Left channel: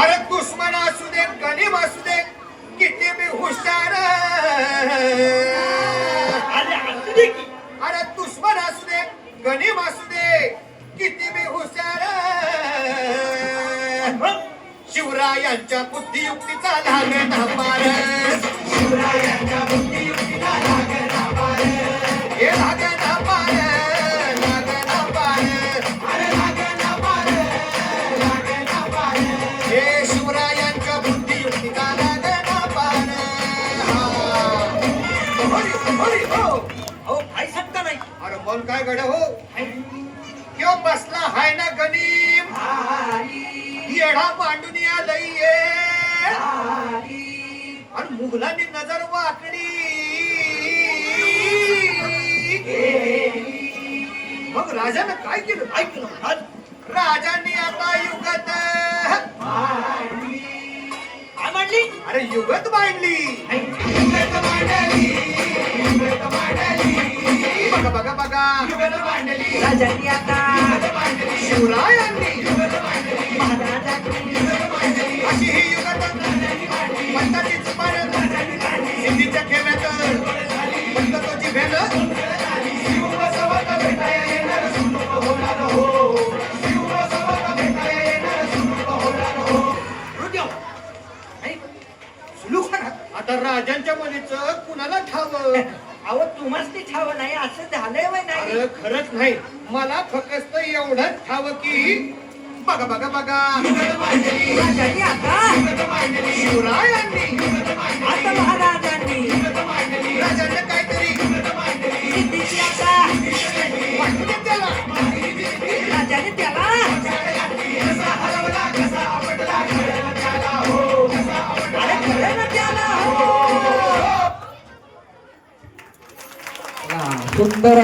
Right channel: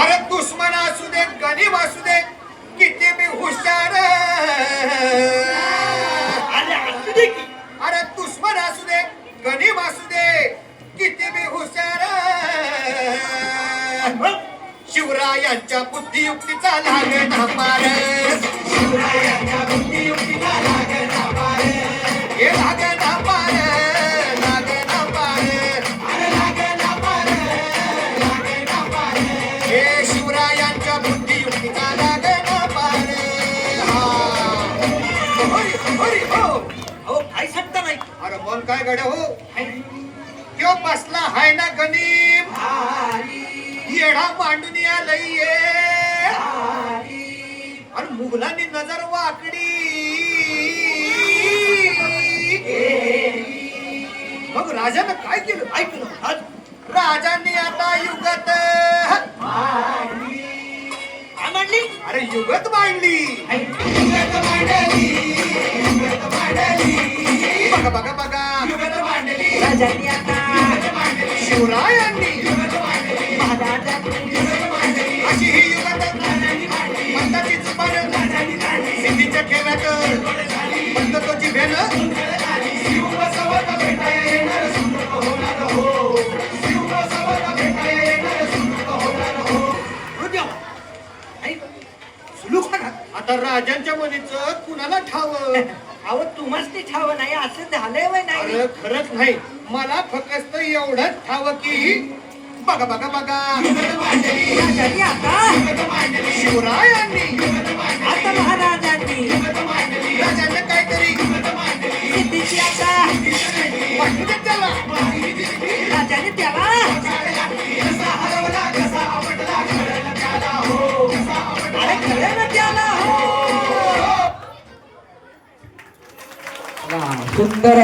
अरे दुश्मन असू दे गरीब असू दे किती मी हुशार अरे दुश्मन असू दे गरीब असू दे किती मी हुशार शिवरायांच्या बुद्धियुक्तीचा धागे ढापार शिवरायांच्या बुद्धी बोल काय गड्या हो? त्यो बसला हाय ना गनीम येडा मांडून आलंय आणि मुघलांनी नजर वाकडी. मग राजानं काय केलं? ऐकलं राजांनी आता युगत. काय म्हणली अरे युगत मांडली. बघा राजांनी आता शिवरायांनी अशी ही युगात पंताची चुपार सिद्धीच्या खेळात पंततोची भेल आता राजांच्या मनीच कुणाला ठाव? अहो तुम्हाला ते ठाव नाही असं झालंय वय नाही. अरे खरंच नाही. मला फक्त एवढंच ठाव की बघा बघा बघा. आता. हो. सुंदर